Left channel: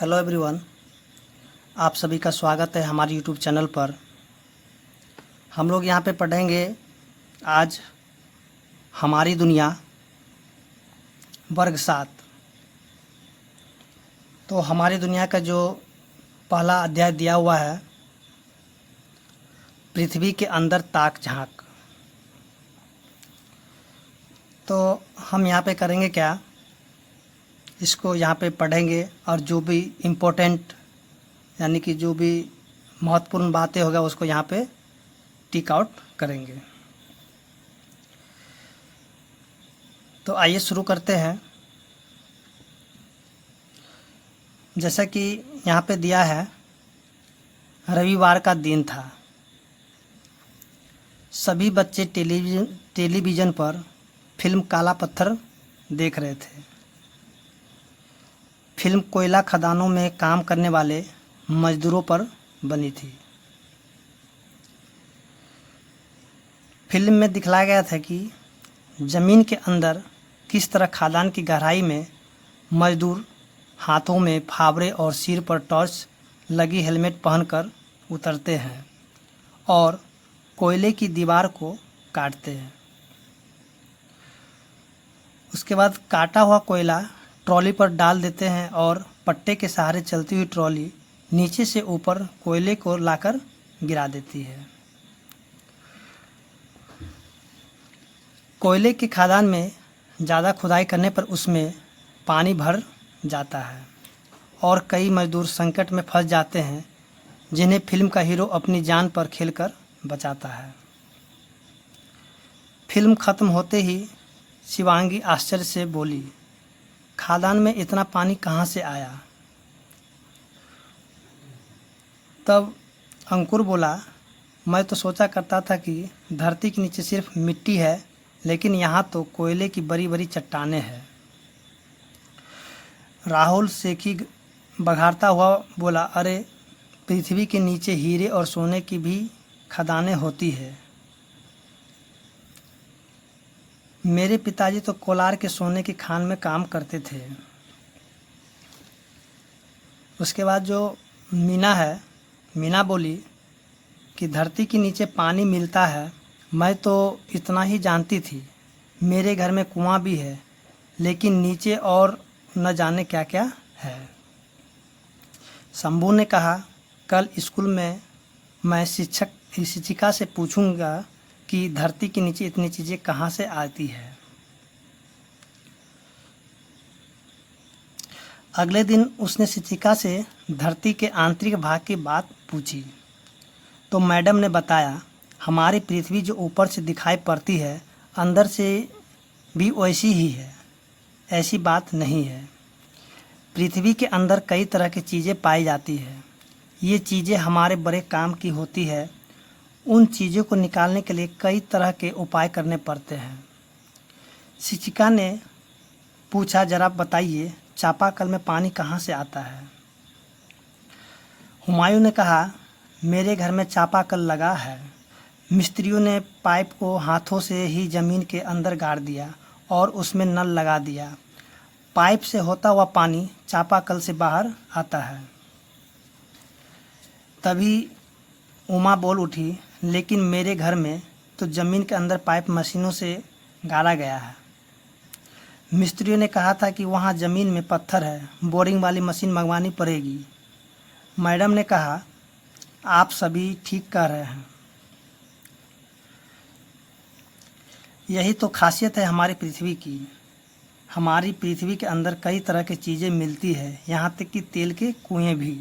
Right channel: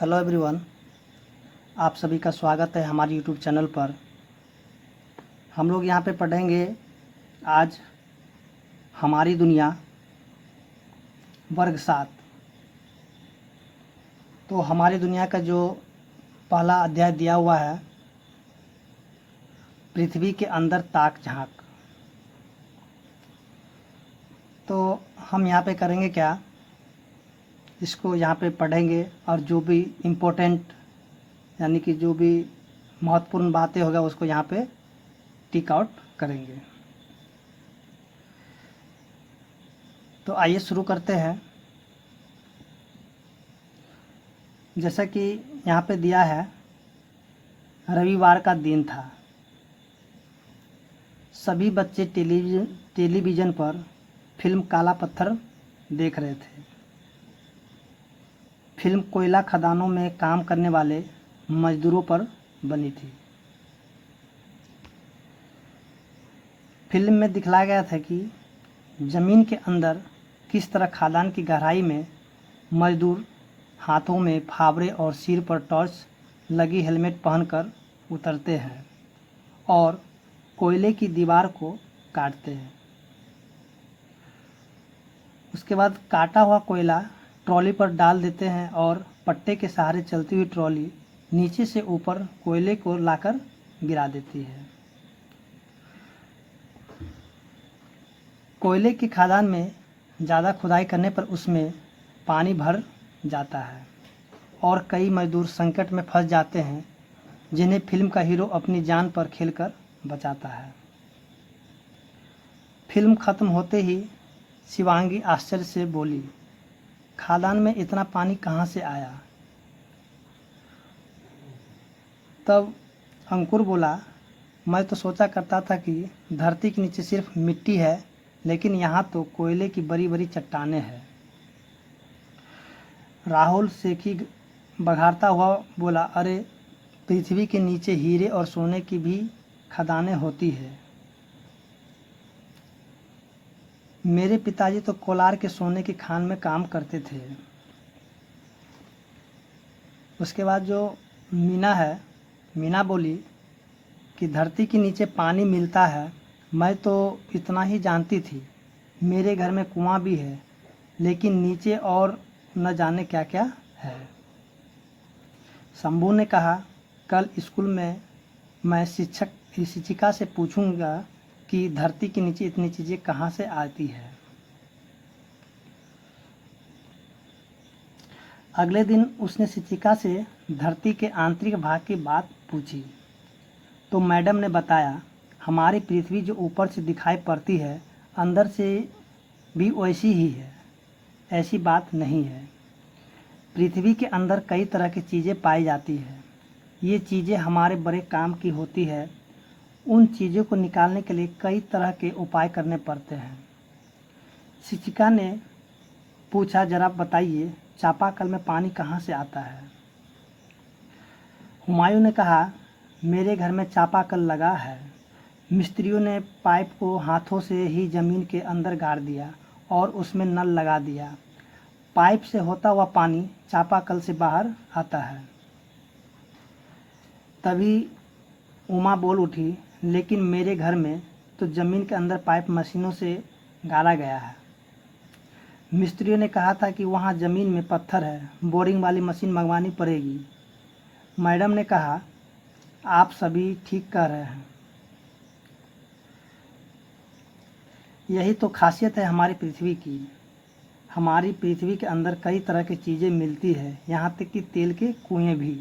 Hello everyone, आप सभी का स्वागत है हमारे यूट्यूब चैनल पर। हम लोग यहाँ पे पढ़ेंगे आज हमारी दुनिया वर्ग 7। तो हमारी दुनिया का जो पहला अध्याय दिया हुआ है, पृथ्वी के अंदर ताक झांक। तो हम यहाँ पे करेंगे क्या, इसको यहाँ पे पढ़ेंगे और जो भी इम्पोर्टेंट यानी कि जो भी महत्वपूर्ण बातें होगा उसको यहाँ पे टिक आउट करेंगे। तो आइए शुरू करते हैं। जैसा कि यहाँ पे दिया है, रविवार का दिन था। सभी बच्चे टेलीविज़न पर फिल्म काला पत्थर देख रहे थे। फिल्म कोयला खदानों में काम करने वाले मजदूरों पर बनी थी। फिल्म में दिखलाया गया था कि ज़मीन के अंदर किस तरह खदान की गहराई में मजदूर हाथों में फावड़े और सिर पर टॉर्च लगी हेलमेट पहनकर उतरते हैं और कोयले की दीवार को काटते हैं। उसके बाद काटा हुआ कोयला ट्रॉली पर डाल देते हैं और पट्टे के सहारे चलती हुई ट्रॉली नीचे से ऊपर कोयले को लाकर गिरा देती है। कोयले की खदान में ज़्यादा खुदाई करने पर उसमें पानी भर जाता है और कई मजदूर संकट में फंस जाते हैं, जिन्हें फिल्म का हीरो अपनी जान पर खेलकर बचाता है। फिल्म खत्म होते ही शिवांगी आश्चर्य से बोली, खदान में इतना पानी कहाँ से आया? तब अंकुर बोला, मैं तो सोचा करता था कि धरती के नीचे सिर्फ मिट्टी है, लेकिन यहाँ तो कोयले की बड़ी बड़ी चट्टानें हैं। राहुल सेठी बघारता हुआ बोला, अरे पृथ्वी के नीचे हीरे और सोने की भी खदानें होती है। मेरे पिताजी तो कोलार के सोने की खान में काम करते थे। उसके बाद जो मीना बोली कि धरती के नीचे पानी मिलता है, मैं तो इतना ही जानती थी। मेरे घर में कुआं भी है, लेकिन नीचे और न जाने क्या क्या है। शंभू ने कहा, कल स्कूल में मैं शिक्षिका से पूछूंगा कि धरती के नीचे इतनी चीज़ें कहाँ से आती है। अगले दिन उसने शिक्षिका से धरती के आंतरिक भाग की बात पूछी तो मैडम ने बताया, हमारी पृथ्वी जो ऊपर से दिखाई पड़ती है, अंदर से भी वैसी ही है। ऐसी बात नहीं है। पृथ्वी के अंदर कई तरह की चीज़ें पाई जाती हैं। ये चीज़ें हमारे बड़े काम की होती है। उन चीज़ों को निकालने के लिए कई तरह के उपाय करने पड़ते हैं। शिक्षिका ने पूछा, जरा बताइए, चापाकल में पानी कहाँ से आता है? हुमायूं ने कहा, मेरे घर में चापाकल लगा है। मिस्त्रियों ने पाइप को हाथों से ही ज़मीन के अंदर गाड़ दिया और उसमें नल लगा दिया। पाइप से होता हुआ पानी चापाकल से बाहर आता है। तभी उमा बोल उठी, लेकिन मेरे घर में तो ज़मीन के अंदर पाइप मशीनों से गाड़ा गया है। मिस्त्रियों ने कहा था कि वहाँ ज़मीन में पत्थर है, बोरिंग वाली मशीन मंगवानी पड़ेगी। मैडम ने कहा, आप सभी ठीक कह रहे हैं। यही तो खासियत है हमारी पृथ्वी की। हमारी पृथ्वी के अंदर कई तरह की चीज़ें मिलती है, यहाँ तक कि तेल के कुएं भी।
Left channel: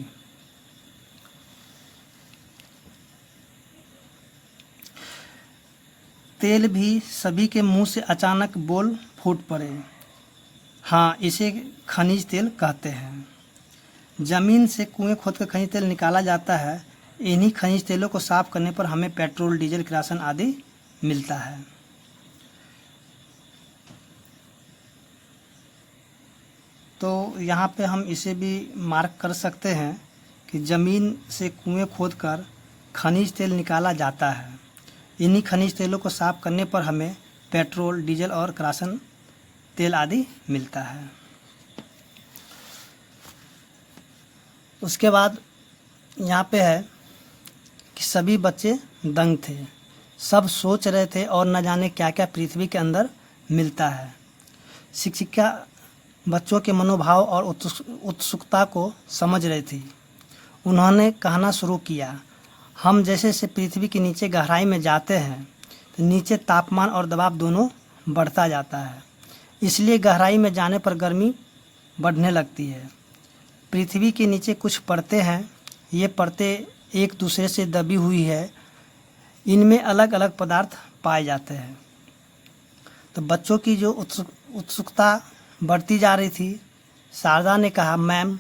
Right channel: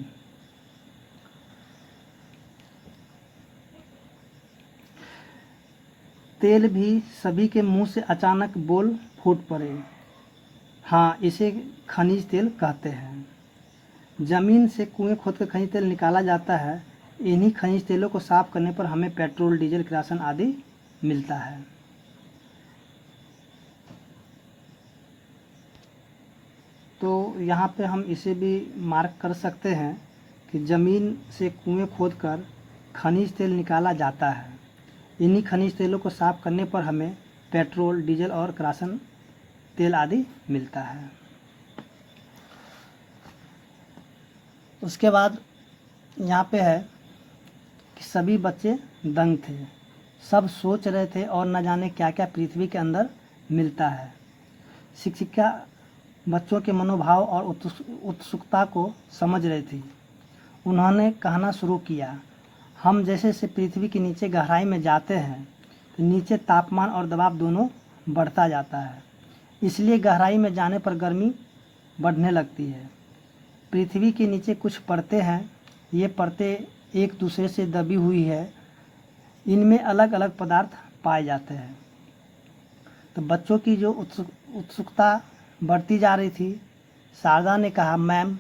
तेल भी सभी के मुंह से अचानक बोल फूट पड़े। हाँ, इसे खनिज तेल कहते हैं। ज़मीन से कुएं खोदकर खनिज तेल निकाला जाता है। इन्हीं खनिज तेलों को साफ़ करने पर हमें पेट्रोल, डीजल, किरोसिन आदि मिलता है। तो यहाँ पे हम इसे भी मार्क कर सकते हैं कि ज़मीन से कुएं खोदकर खनिज तेल निकाला जाता है। इन्हीं खनिज तेलों को साफ़ करने पर हमें पेट्रोल, डीजल और किरोसिन तेल आदि मिलता है। उसके बाद यहाँ पे है कि सभी बच्चे दंग थे, सब सोच रहे थे और न जाने क्या क्या पृथ्वी के अंदर मिलता है। शिक्षिका बच्चों के मनोभाव और उत्सुकता को समझ रही थी। उन्होंने कहना शुरू किया, हम जैसे जैसे पृथ्वी के नीचे गहराई में जाते हैं तो नीचे तापमान और दबाव दोनों बढ़ता जाता है, इसलिए गहराई में जाने पर गर्मी बढ़ने लगती है। पृथ्वी के नीचे कुछ परतें हैं, ये परतें एक दूसरे से दबी हुई है, इनमें अलग अलग पदार्थ पाए जाते हैं। तो बच्चों की जो उत्सुकता बढ़ती जा रही थी, शारदा ने कहा, मैम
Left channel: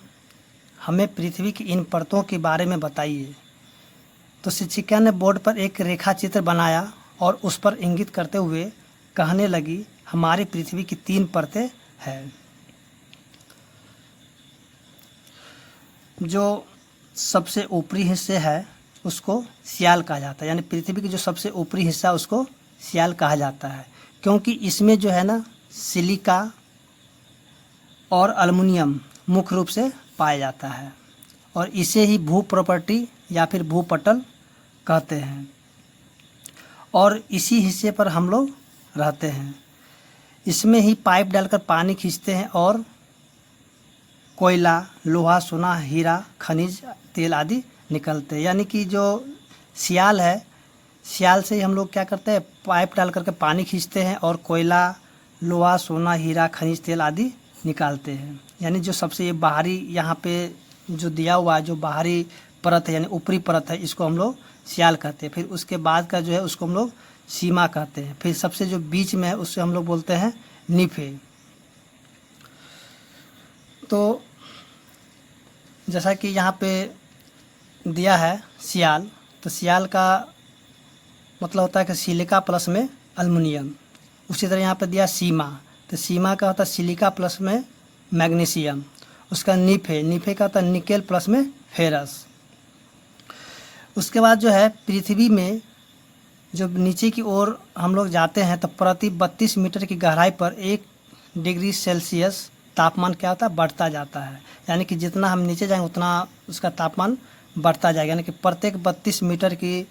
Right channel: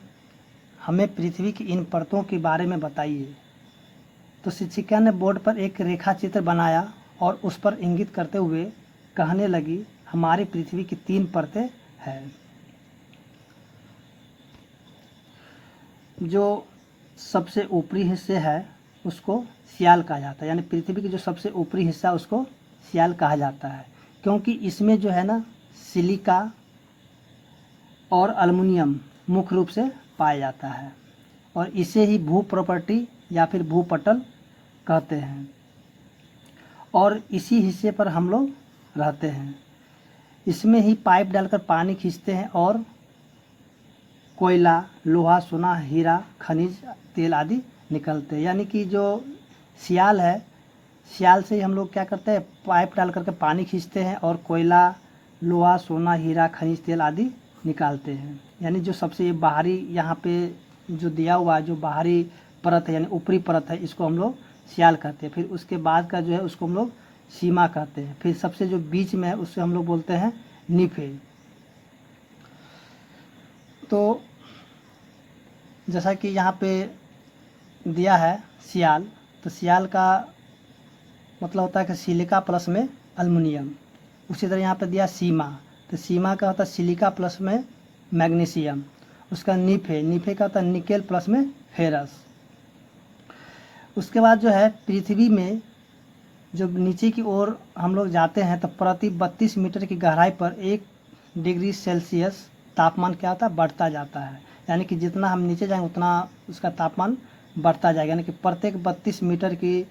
हमें पृथ्वी की इन परतों के बारे में बताइए। तो शिक्षिका ने बोर्ड पर एक रेखा चित्र बनाया और उस पर इंगित करते हुए कहने लगी, हमारी पृथ्वी की 3 परतें हैं। जो सबसे ऊपरी हिस्से है उसको सियाल कहा जाता है, यानी पृथ्वी की जो सबसे ऊपरी हिस्सा उसको सियाल कहा जाता है, क्योंकि इसमें जो है ना सिलिका और एल्युमिनियम मुख्य रूप से पाया जाता है और इसे ही भू प्रॉपर्टी या फिर भूपटल कहते हैं और इसी हिस्से पर हम लोग रहते हैं। इसमें ही पाइप डालकर पानी खींचते हैं और कोयला, लोहा, सोना, हीरा, खनिज तेल आदि निकलते हैं। यानी कि जो सियाल है, सियाल से ही हम लोग क्या करते हैं, पाइप डाल करके पानी खींचते हैं और कोयला, लोहा, सोना, हीरा, खनिज तेल आदि निकालते हैं। यानी जो सबसे बाहरी यहाँ पे जो दिया हुआ है, जो बाहरी परत है यानी ऊपरी परत है, इसको हम लोग सियाल कहते हैं। फिर उसके बाद का जो है उसको हम लोग सीमा कहते हैं। फिर सबसे जो बीच में है उससे हम लोग बोलते हैं निफे। तो जैसा कि यहाँ पे दिया है सियाल, तो सियाल का मतलब होता है कि सिलिका प्लस में एल्युमिनियम। उसी तरह यहाँ पे दिया सीमा, तो सीमा का होता है सिलिका प्लस में मैग्नीशियम। उसका निफे, निफे का होता है निकेल प्लस में फेरस। उसके बाद जो है पृथ्वी में जब नीचे की ओर हम लोग जाते हैं तो प्रति 32 मीटर की गहराई पर 1 डिग्री सेल्सियस तापमान क्या होता है, बढ़ता जाता है। यानी कि जितना हम नीचे जाएंगे उतना उसका तापमान बढ़ता जाएगा, यानी कि प्रत्येक 32 मीटर की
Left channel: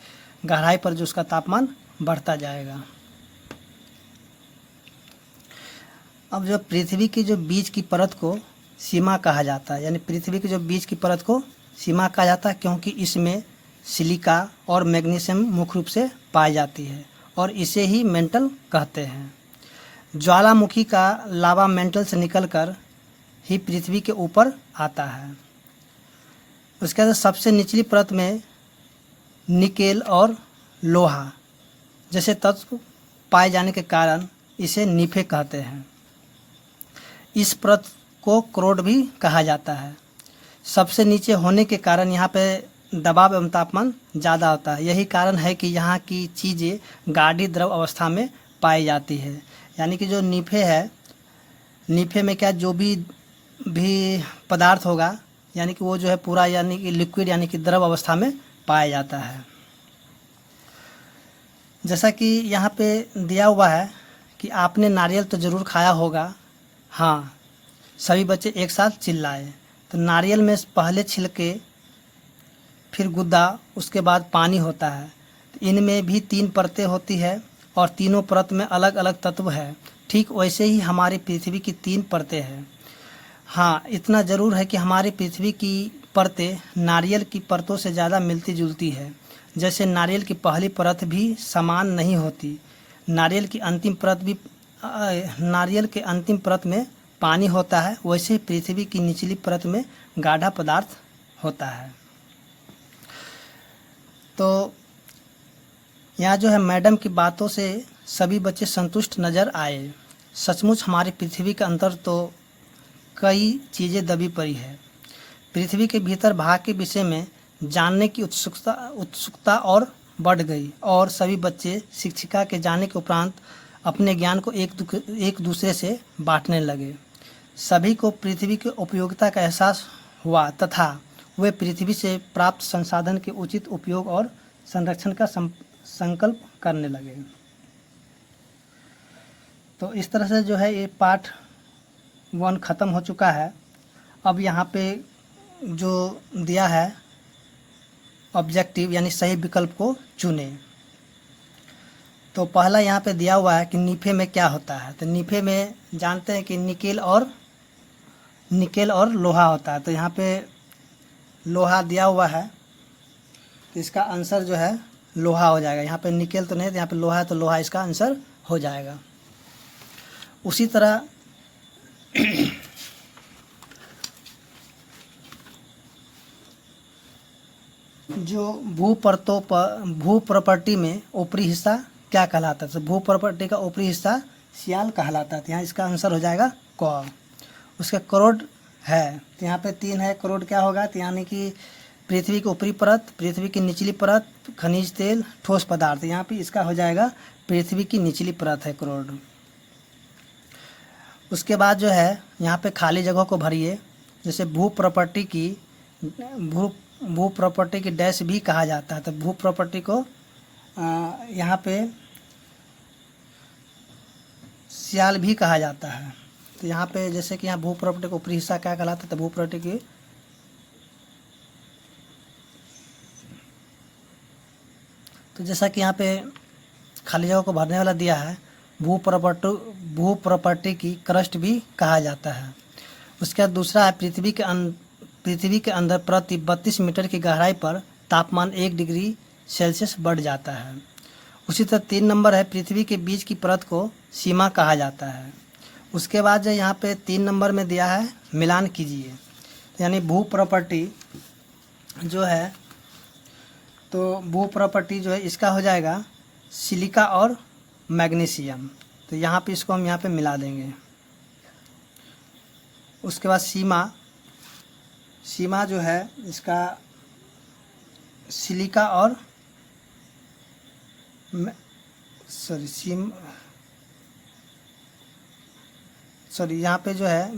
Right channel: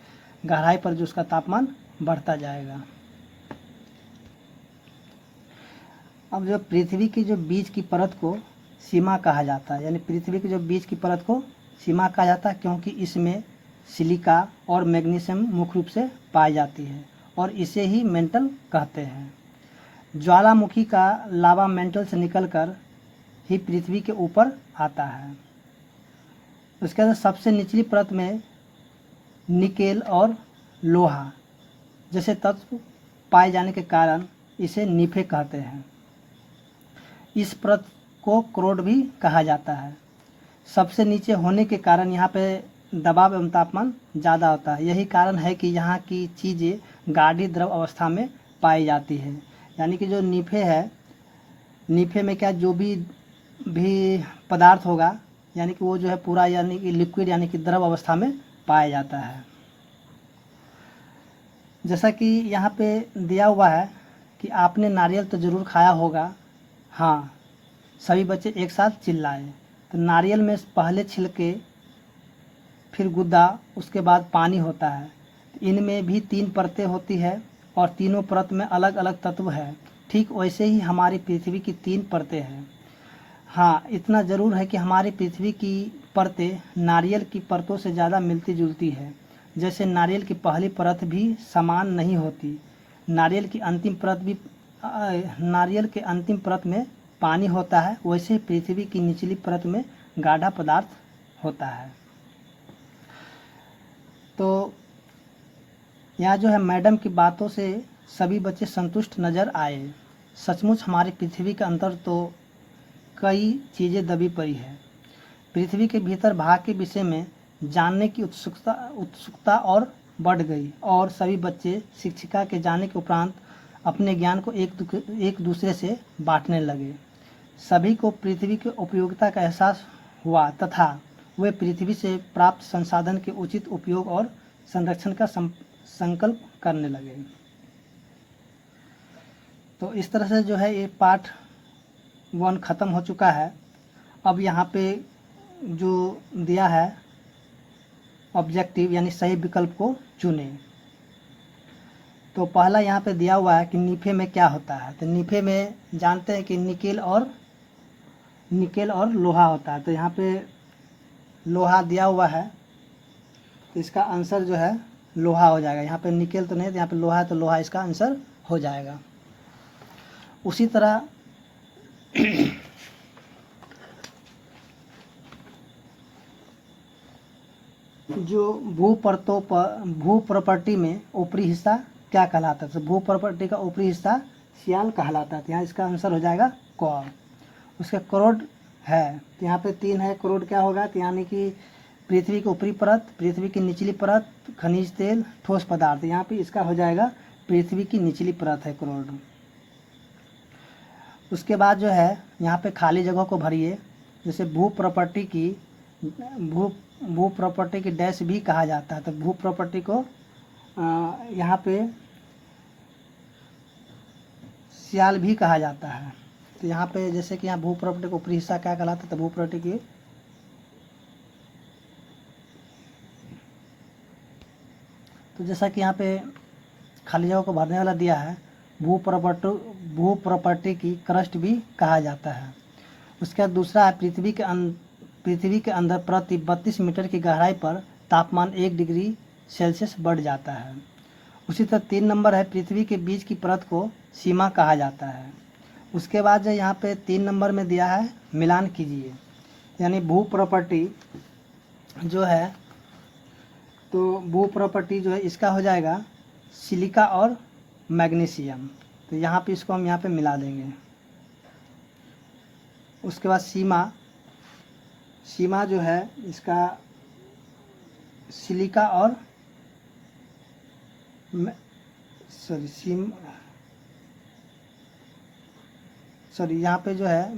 गहराई पर जो उसका तापमान बढ़ता जाएगा। अब जो पृथ्वी की जो बीच की परत को सीमा कहा जाता है, यानी पृथ्वी की जो बीच की परत को सीमा कहा जाता है, क्योंकि इसमें सिलिका और मैग्नीशियम मुख्य रूप से पाई जाती है और इसे ही मेंटल कहते हैं। ज्वालामुखी का लावा मेंटल से निकलकर ही पृथ्वी के ऊपर आता है। उसके बाद सबसे निचली परत में निकेल और लोहा जैसे तत्व पाए जाने के कारण इसे निफे कहते हैं। इस परत को क्रोड भी कहा जाता है। सबसे नीचे होने के कारण यहाँ पे दबाव एवं तापमान ज़्यादा होता है। यही कारण है कि यहाँ की चीज़ें गाढ़ी द्रव अवस्था में पाई जाती है। यानी कि जो निफे है, निफे में क्या जो भी पदार्थ होगा यानी कि वो जो है पूरा यानी कि लिक्विड यानी कि द्रव अवस्था में पाया जाता है। जैसा कि यहाँ पे दिया हुआ है कि आपने नारियल तो ज़रूर खाया होगा। हाँ, सभी बच्चे एक साथ चिल्लाए। तो नारियल में पहले छिलके, फिर गुद्दा, उसके बाद पानी होता है। तो इनमें भी 3 परतें होती है और तीनों परत में अलग अलग तत्व है। ठीक वैसे ही हमारी पृथ्वी की 3 परतें हैं। हाँ, इतना ज़रूर है कि हमारी पृथ्वी की परतें नारियल की परतों से ज़्यादा मिलती जुलती है। जैसे नारियल की पहली परत भी समान नहीं होती, नारियल की अंतिम परत में पानी होता है, वैसे पृथ्वी की निचली परत में गाढ़ा पदार्थ होता है। तो यहाँ जो है मैडम की बातों से सभी बच्चे संतुष्ट नज़र आए। सचमुच हमारी पृथ्वी के अंदर तो कई चीज़ें दबी पड़ी है। पृथ्वी के भीतर भाग के विषय में जानने की उत्सुकता और बढ़ गई और सभी बच्चे शिक्षिका के जाने के उपरांत अपने ज्ञान को एक दूसरे से बांटने लगे। सभी को पृथ्वी की उपयोगिता का एहसास हुआ तथा वे पृथ्वी से प्राप्त संसाधन के उचित उपयोग और संरक्षण का संकल्प करने लगे। तो इस तरह से जो है ये पार्ट 1 ख़त्म हो चुका है। अब यहाँ पे जो दिया है ऑब्जेक्टिव यानी सही विकल्प को चुने। तो पहला यहाँ पे दिया हुआ है कि नीफे में क्या होता है। तो नीफे में जानते हैं कि निकेल और लोहा होता है। तो यहाँ पे लोहा दिया हुआ है, तो इसका आंसर जो है लोहा हो जाएगा। यहाँ पे निकेल तो नहीं, तो यहाँ पे लोहा है, तो लोहा इसका आंसर हो जाएगा। उसी तरह जो भू प्रॉपर्टी में ऊपरी हिस्सा क्या कहलाता है। तो भू प्रॉपर्टी का ऊपरी हिस्सा सियाल कहलाता है। तो यहाँ इसका आंसर हो जाएगा क। उसका करोड़ है, तो यहाँ पे 3 है। करोड़ क्या होगा, तो यानी कि पृथ्वी की ऊपरी परत, पृथ्वी की निचली परत, खनिज तेल, ठोस पदार्थ। यहाँ पे इसका हो जाएगा पृथ्वी की निचली परत है करोड़। उसके बाद जो है यहाँ पे खाली जगहों को भरिए। जैसे भू प्रॉपर्टी की डैश भी कहा जाता है। तो भू प्रॉपर्टी को यहाँ पे सियाल भी कहा जाता है। तो यहाँ पे जैसे कि यहाँ भू प्रॉपर्टी का ऊपरी हिस्सा क्या कहलाता है, तो भू प्रॉपर्टी की तो जैसा कि यहाँ पे खाली जगह को भरने वाला दिया है, भू प्रॉपर्टी की क्रस्ट भी कहा जाता है। उसके बाद दूसरा है पृथ्वी के अंदर प्रति 32 मीटर की गहराई पर तापमान 1 डिग्री सेल्सियस बढ़ जाता है। उसी तरह 3 नंबर है पृथ्वी के बीच की परत को सीमा कहा जाता है। उसके बाद जो यहाँ पे 3 नंबर में दिया है मिलान कीजिए, यानी भू प्रॉपर्टी जो है, तो भू प्रॉपर्टी जो है इसका हो जाएगा सिलिका और मैग्नीशियम। तो यहाँ पे इसको हम यहाँ पे मिला देंगे। उसके बाद सीमा जो है इसका सिलिका और यहाँ पे जो है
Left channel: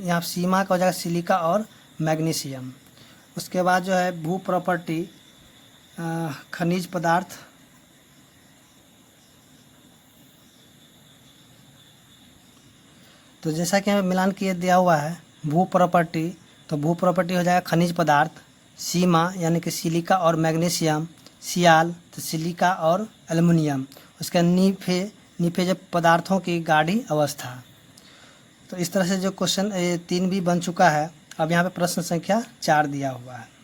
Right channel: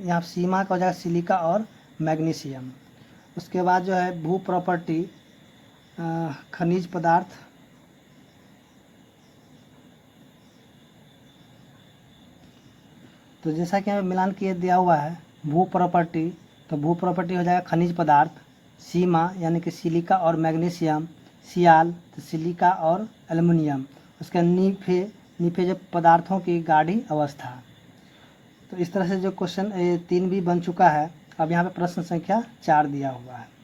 यहाँ सीमा का हो जाएगा सिलिका और मैग्नीशियम। उसके बाद जो है भू प्रॉपर्टी खनिज पदार्थ, तो जैसा कि हमें मिलान किए दिया हुआ है भू प्रॉपर्टी, तो भू प्रॉपर्टी हो जाएगा खनिज पदार्थ, सीमा यानी कि सिलिका और मैग्नीशियम, सियाल तो सिलिका और एल्युमिनियम, उसका नीफे जब पदार्थों की गाढ़ी अवस्था। तो इस तरह से जो क्वेश्चन 3 भी बन चुका है। अब यहाँ पे प्रश्न संख्या 4 दिया हुआ है।